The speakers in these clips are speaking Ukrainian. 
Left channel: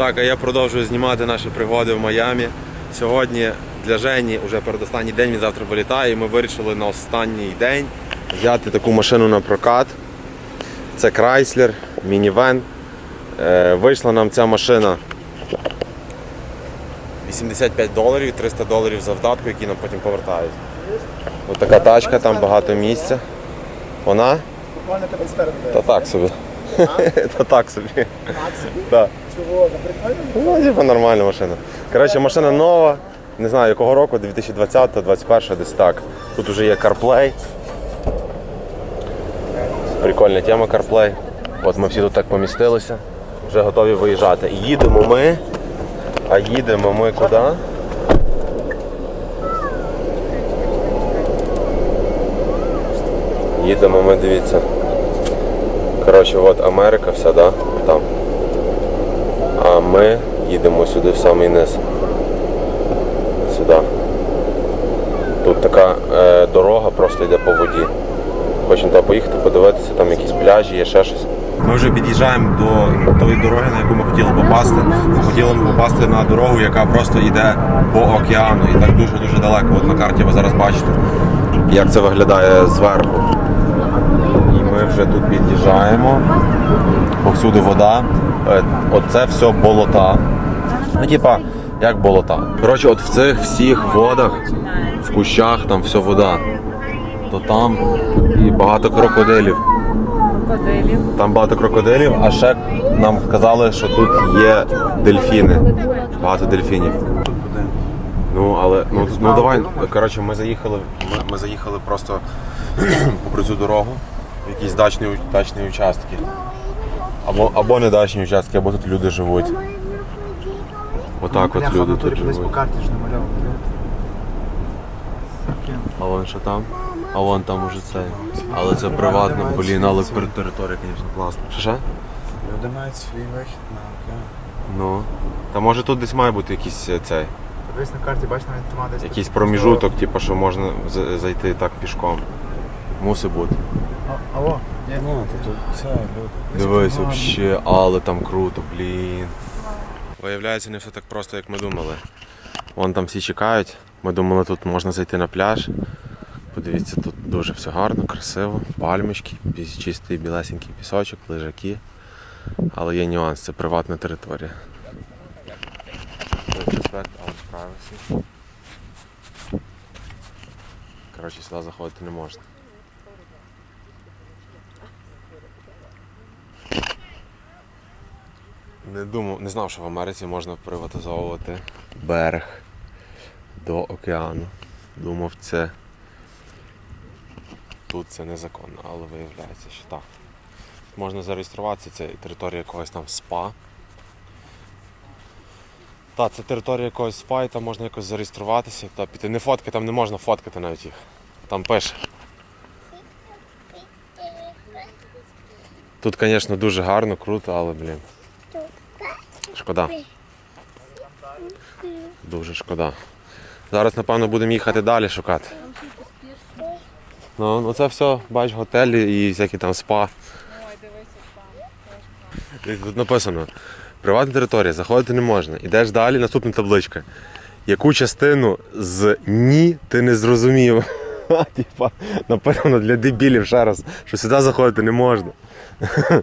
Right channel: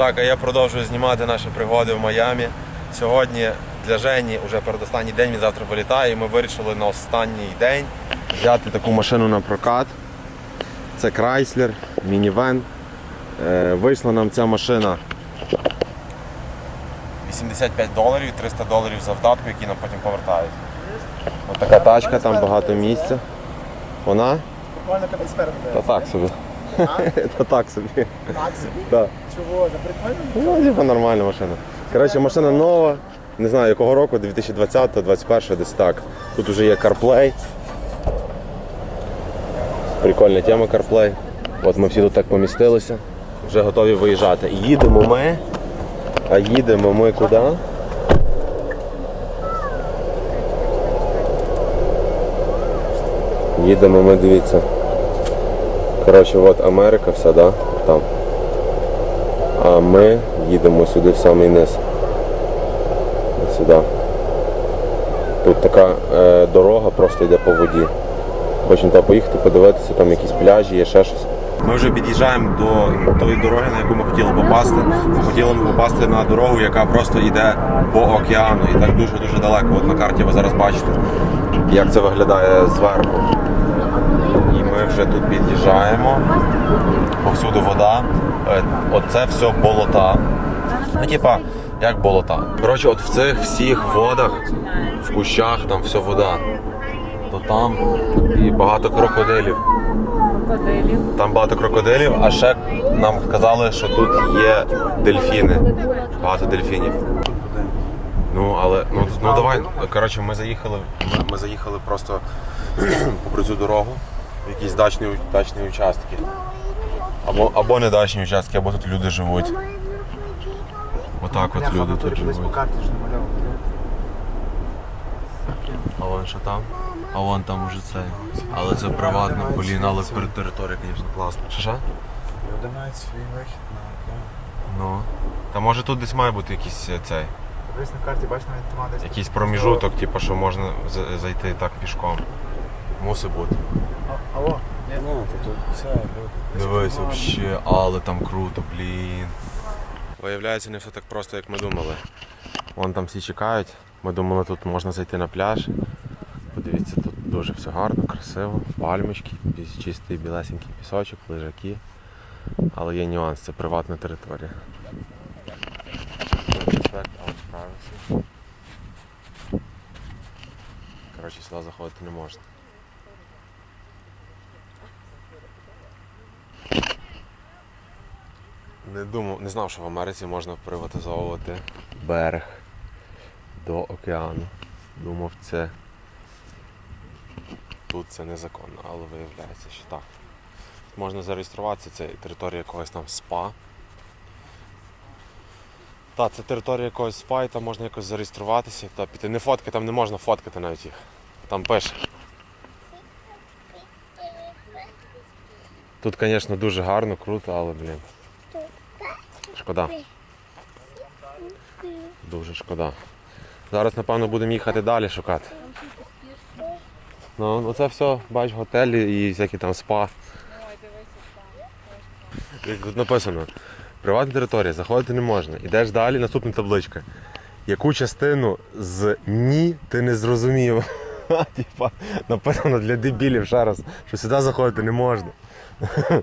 Так, а я продовжую знімати наші пригоди в Майамі. Сьогодні для Жені вже передостанній день, він завтра вилітає. І ми вирішили на останній день взяти таку машину на прокат. Це Chrysler, мінівен. Вийшла нам ця машина 85 доларів, 300 доларів за вдатку, які нам потім повертають. Ось така тачка, там багато місця. Вона? Буквально тебе спереду Та так собі. Та так собі. Так собі? Чого? Не прикольно? Ну, типу, нормальна машина. Коротше, машина нова. Не знаю якого року, 2020 2021 десь так. Тут вже є CarPlay. Прикольна тема CarPlay. От ми всі тут так помістилися. Вже готові виїжджати. Їдемо ми. А їдемо ми куди? Їдемо ми, дивіться. Коротше, от Америка вся, да? Там. А ми їдемо сюди в самий низ. Сюди. Тут така е, дорога просто йде по воді. Хочемо туди поїхати, подивитися, там якісь пляжі, є ще щось. Ми вже під'їжджаємо до тої дороги, на яку ми хотіли попасти. Ми хотіли ми попасти на дорогу, яка просто йде по океану і так дуже-дуже далеко. От на карті ви зараз бачите, як це виглядає зверху. Ми вже тут під'їжджаємо. Повсюди вода. Е, Оце все болота. Ну, типа, як болота. Коротше, от в цих всіх водах, в кущах там все вода. То там і багато крокодилів. Крокодилів. Там багато крокодилів, а ще нам казали, що тут є дельфіни. Багато дельфінів. Ну, але ну, ну давай. Коротше, ми заїхали. Ми, ми заїхали просто попри цю дорогу якісь дачні, дачні участки. Або, або не дачні участки, або тут люди живуть. Отак от люди тут живуть. А вон що там? А вон там уже цей. Але це приватно, блін, але територія, звісно, класна. Що що? Люди мають свій вихід на океан. Ну. Та може тут десь має бути якийсь е, цей. Подивись на карті, бачиш, навіть тема десь. Якийсь проміжуток, типу, що можна зайти так пішком. Мусить бути. Алло, ні, Ну, тут люди. Дивись, вообще, але там круто, блін. Виявляється, не все так просто, як ми думали. Вон там всі чекають. Ми думали, тут можна зайти на пляж. Подивіться, тут дуже все гарно, красиво, пальмочки, чистий білесенький пісочок, лежаки. Але є нюанс, це приватна територія. Коротше, сюди заходити не можна. Не думав, не знав, що в Америці можна приватизовувати берег до океану. Думав, це тут це незаконно, але виявляється, що так. Можна зареєструватися, це територія якогось там спа. Так, це територія якогось спа, і там можна якось зареєструватися та піти. Не фотки, там не можна фоткати навіть їх. Там пише. Тут, звісно, дуже гарно, круто, але, блін. Шкода. Дуже шкода. Зараз, напевно, будемо їхати далі шукати. Ну, ну це все, бач, готелі і всякі там спа. Тут написано: приватна територія, заходити не можна. Ідеш далі, наступна табличка. Яку частину з ні ти не зрозумів? Типа, написано для дебілів ще раз, що сюди заходити не можна.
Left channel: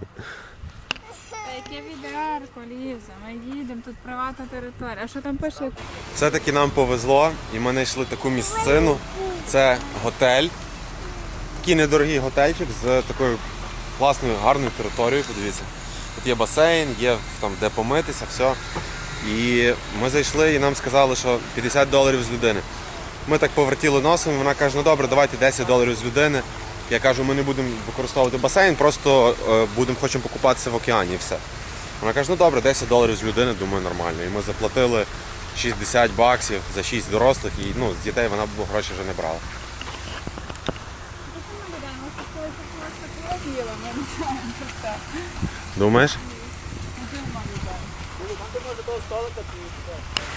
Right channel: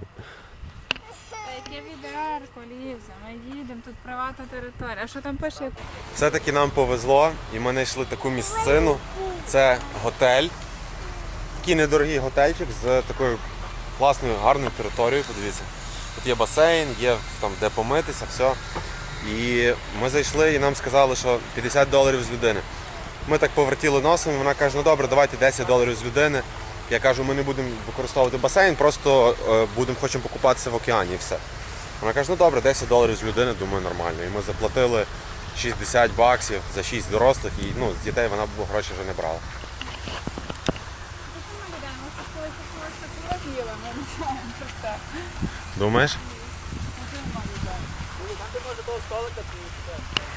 Яке Ліза, ми їдемо, тут приватна територія. А що там пише? Все-таки нам повезло, і ми знайшли таку місцину. Це готель. Такий недорогий готельчик з такою класною, гарною територією. Подивіться. Тут є басейн, є там де помитися, все. І ми зайшли і нам сказали, що 50 доларів з людини. Ми так повертіли носом, і вона каже, ну добре, давайте 10 доларів з людини. Я кажу, ми не будемо використовувати басейн, просто е, будемо хочемо покупатися в океані і все. Вона каже, ну добре, 10 доларів з людини, думаю, нормально. І ми заплатили 60 баксів за 6 дорослих, і ну, з дітей вона б гроші вже не брала. Думаєш?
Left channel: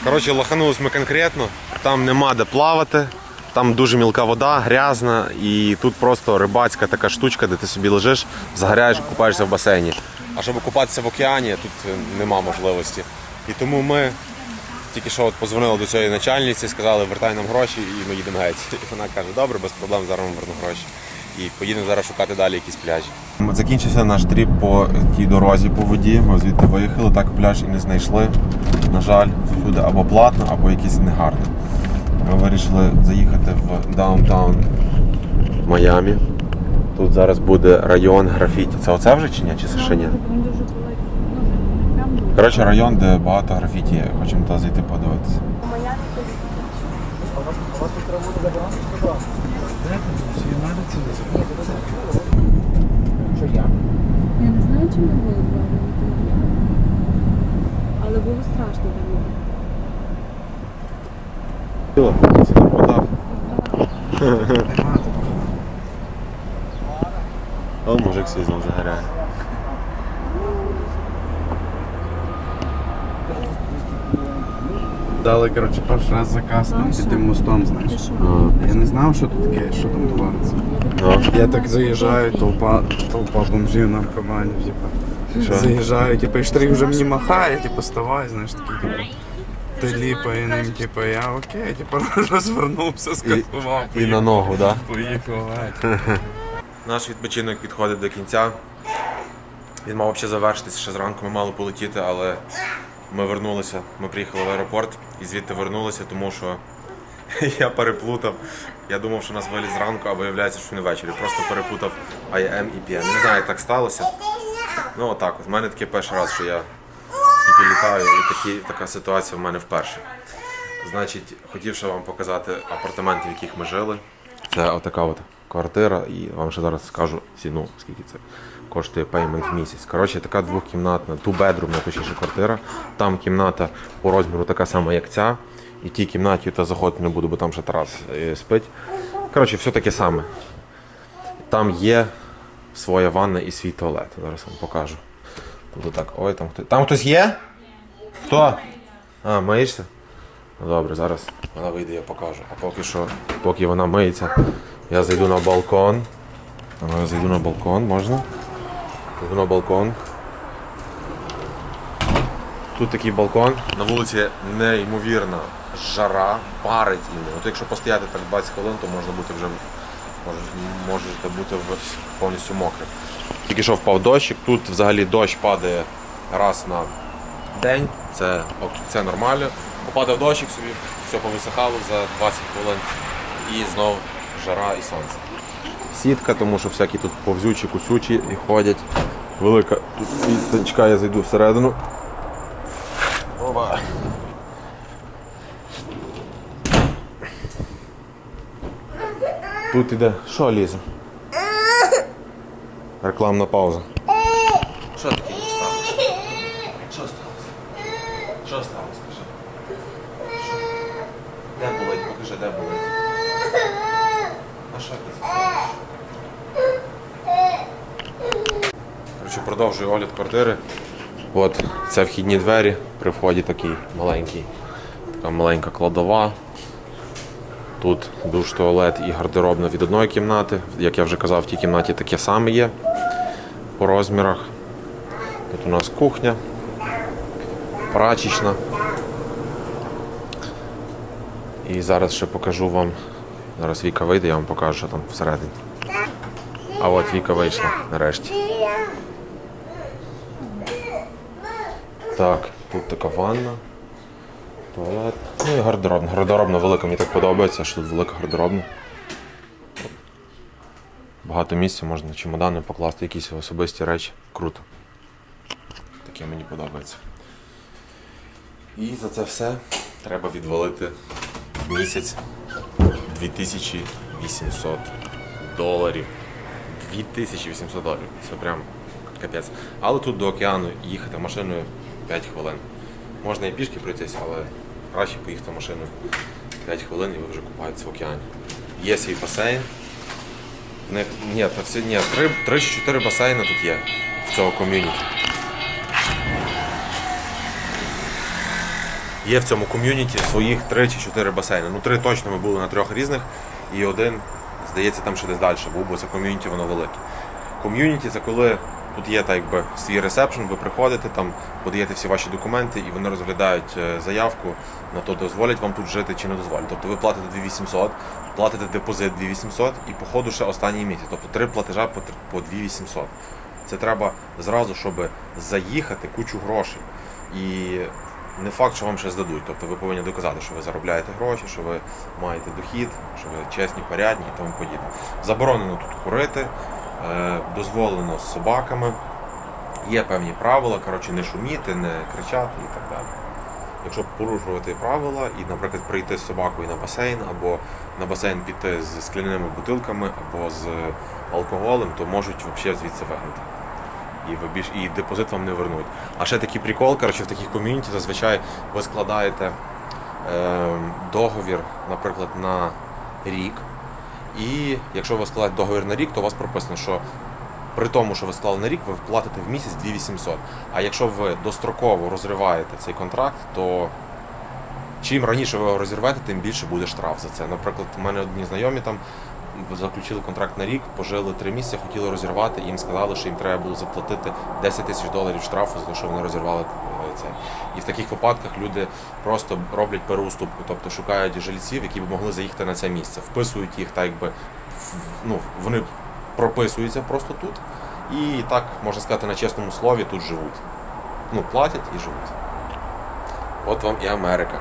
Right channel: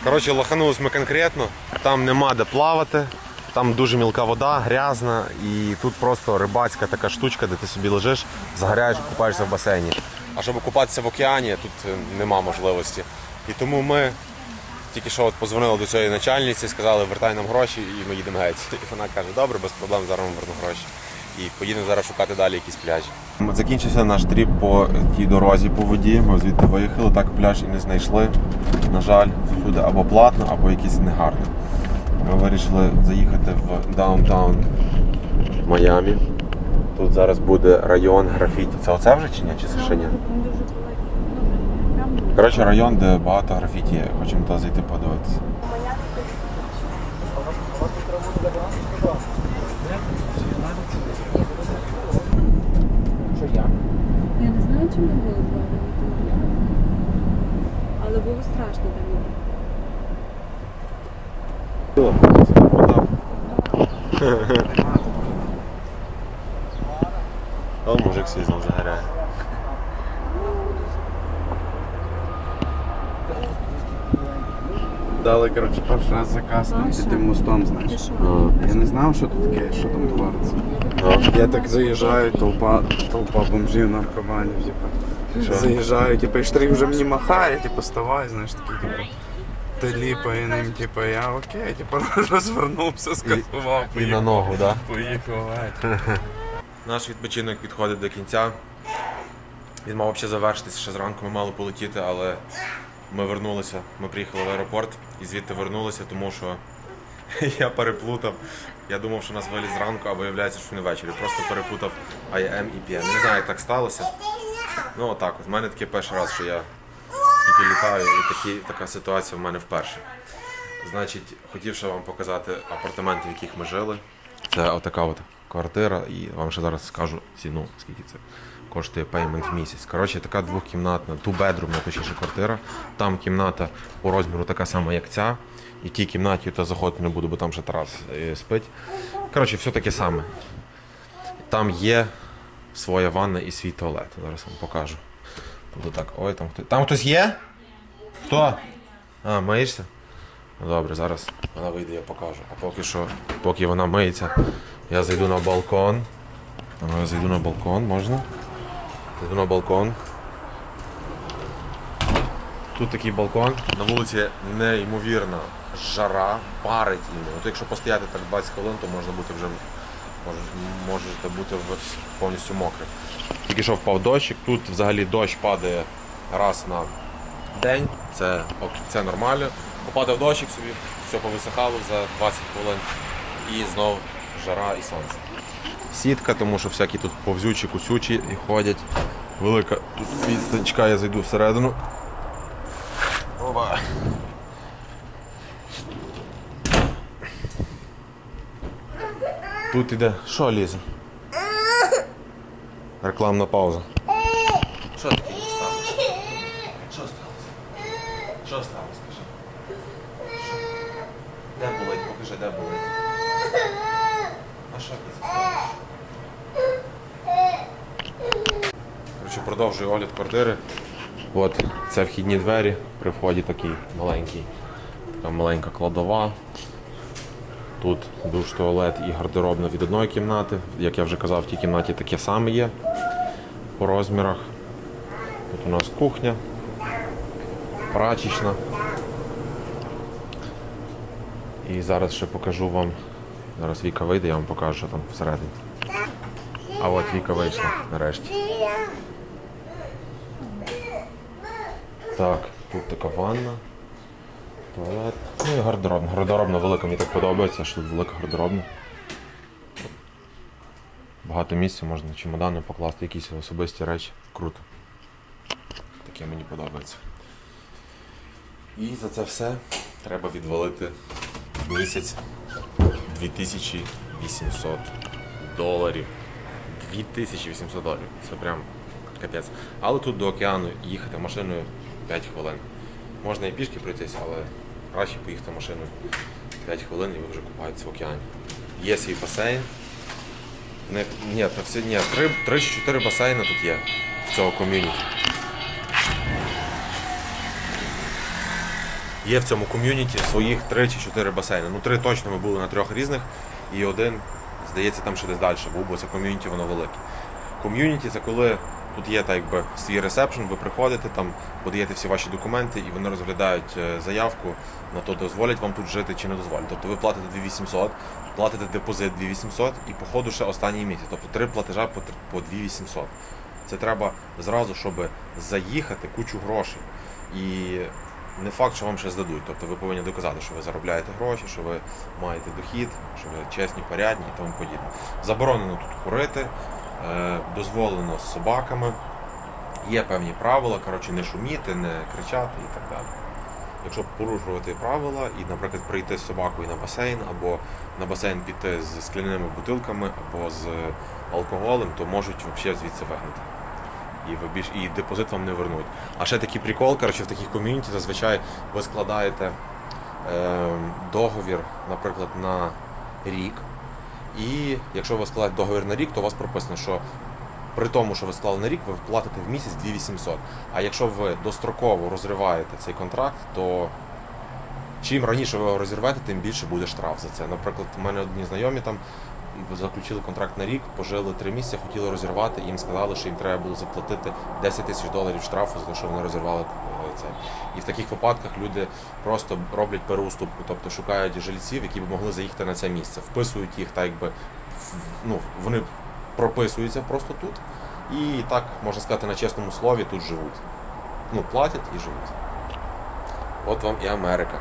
Коротше, лоханулись ми конкретно, там нема де плавати, там дуже мілка вода, грязна, і тут просто рибацька така штучка, де ти собі лежиш, загоряєш, купаєшся в басейні. А щоб купатися в океані, тут е, нема можливості. І тому ми тільки що от позвонили до цієї начальниці, сказали, вертай нам гроші, і ми їдемо геть. І вона каже, добре, без проблем, зараз вам верну гроші. І поїдемо зараз шукати далі якісь пляжі. Закінчився наш тріп по тій дорозі по воді. Ми звідти виїхали, так пляж і не знайшли. На жаль, всюди або платно, або якісь негарно. Ми вирішили заїхати в даунтаун Майамі. Тут зараз буде район графіті. Це оце вже чи ні? Чи це ще ні? Не. Коротше, район, де багато графіті є. Хочемо туди зайти подивитися. Я не знаю, чи ми були вдома. Але було страшно там іти. Це так вода. А мужик свій знов загоряє. Дали, коротше, перший раз заказ там під тим мостом, знаєш. Я не знав, що тут таке, що там твориться. Ну. Я так заїжджаю, толпа, толпа бомжів, наркоманів. Що? Заїжджаю, типу, і штрих вже мені махає, типу, ставай, знаєш, такий, типу. Ти ліпає ним, типу, я окей, типу, розвернувся, скасував, І на ногу, так? Да? поїхав. Наш відпочинок підходить до кінця. Він мав взагалі завершитися ще зранку, ми мали полетіти, але ми вернулися. Ми приїхали в аеропорт і звідти вернулися, тому що я переплутав. Я думав, що нас виліз зранку, а виявляється, що не ввечері. Просто переплутав IM і PM. Не знаю, як так сталося. Ну отак. От. У мене такий перший раз, що я тільки літаю, і такі, така ситуація в мене вперше. Значить, хотів ще вам показати апартаменти, в яких ми жили. Це отака от квартира, і вам ще зараз скажу ціну, скільки це коштує пеймент в місяць. Коротше, така двохкімнатна, ту-бедрумна, точніше квартира. Там кімната по розміру така сама, як ця. І тій кімнаті та заходити не буду, бо там ще Тарас е, спить. Коротше, все таке саме. Там є своя ванна і свій туалет. Зараз вам покажу. Тут так, ой, там хтось. Там хтось є? Хто? А, миєшся? Ну, Добре, зараз вона вийде, я покажу. А поки що, поки вона миється, я зайду на балкон. Я зайду на балкон, можна? Зайду на балкон. Тут такий балкон. На вулиці неймовірна жара, парить іменно. От якщо постояти так 20 хвилин, то можна бути вже можете бути повністю мокрим. Тільки що впав дощик, тут взагалі дощ падає раз на день, це, це нормально. Попадав дощик собі, все повисихало за 20 хвилин і знов жара і сонце. Сітка, тому що всякі тут повзючі, кусючі і ходять. Велика тут відстанчка, я зайду всередину. Опа. Тут іде. Що лізе? Рекламна пауза. Що таке не сталося? Що сталося? Що сталося? Скажи. Що? Де Покажи, де болить. А ти продовжую огляд квартири. От це вхідні двері. При вході такий маленький, така маленька кладова. Тут душ, туалет і гардеробна від одної кімнати. Як я вже казав, в тій кімнаті таке саме є по розмірах. Тут у нас кухня, прачечна. І зараз ще покажу вам. Зараз Віка вийде, я вам покажу, що там всередині. А от Віка вийшла нарешті. Так, тут така ванна. Туалет. Ну і гардеробна. Гардеробна велика, мені так подобається, що тут велика гардеробна. Багато місця, можна чемодани покласти, якісь особисті речі. Круто. Таке мені подобається. І за це все треба відвалити місяць 2800 доларів. 2800 доларів. Це прям капець. Але тут до океану їхати машиною 5 хвилин. Можна і пішки пройтись, але краще поїхати машиною 5 хвилин і ви вже купаєтесь в океані. Є свій басейн. Ні, ні, 3, 3 чи 4 басейни тут є в цього ком'юніті. Є в цьому ком'юніті своїх 3 чи 4 басейни. Ну, три точно ми були на трьох різних, і один, здається, там ще десь далі був, бо це ком'юніті, воно велике. Ком'юніті це коли Тут є так якби свій ресепшн, ви приходите там, подаєте всі ваші документи, і вони розглядають е, заявку на то, дозволять вам тут жити чи не дозволять. Тобто ви платите 2800, платите депозит 2800 і по ходу ще останній місяць. Тобто три платежа по тр- по 2800. Це треба зразу, щоб заїхати кучу грошей. І не факт, що вам ще здадуть. Тобто ви повинні доказати, що ви заробляєте гроші, що ви маєте дохід, що ви чесні, порядні і тому подібне. Заборонено тут курити, е, дозволено з собаками. Є певні правила, коротше, не шуміти, не кричати і так далі. Якщо порушувати правила і, наприклад, прийти з собакою на басейн, або на басейн піти з скляними бутилками, або з алкоголем, то можуть взагалі звідси вигнати. І ви більш і депозит вам не вернуть. А ще такий прикол, коротше, в таких ком'юніті зазвичай ви складаєте е, договір, наприклад, на рік. І якщо ви складаєте договір на рік, то у вас прописано, що при тому, що ви склали на рік, ви платите в місяць 2800. А якщо ви достроково розриваєте цей контракт, то чим раніше ви його розірвете, тим більше буде штраф за це. Наприклад, у мене одні знайомі там заключили контракт на рік, пожили три місяці, хотіли розірвати, їм сказали, що їм треба було заплатити 10 тисяч доларів штрафу за те, що вони розірвали е, це. І в таких випадках люди просто роблять переуступку, тобто шукають жильців, які б могли заїхати на це місце, вписують їх так, якби ну, вони прописуються просто тут. І так, можна сказати, на чесному слові тут живуть. Ну, платять і живуть. От вам і Америка.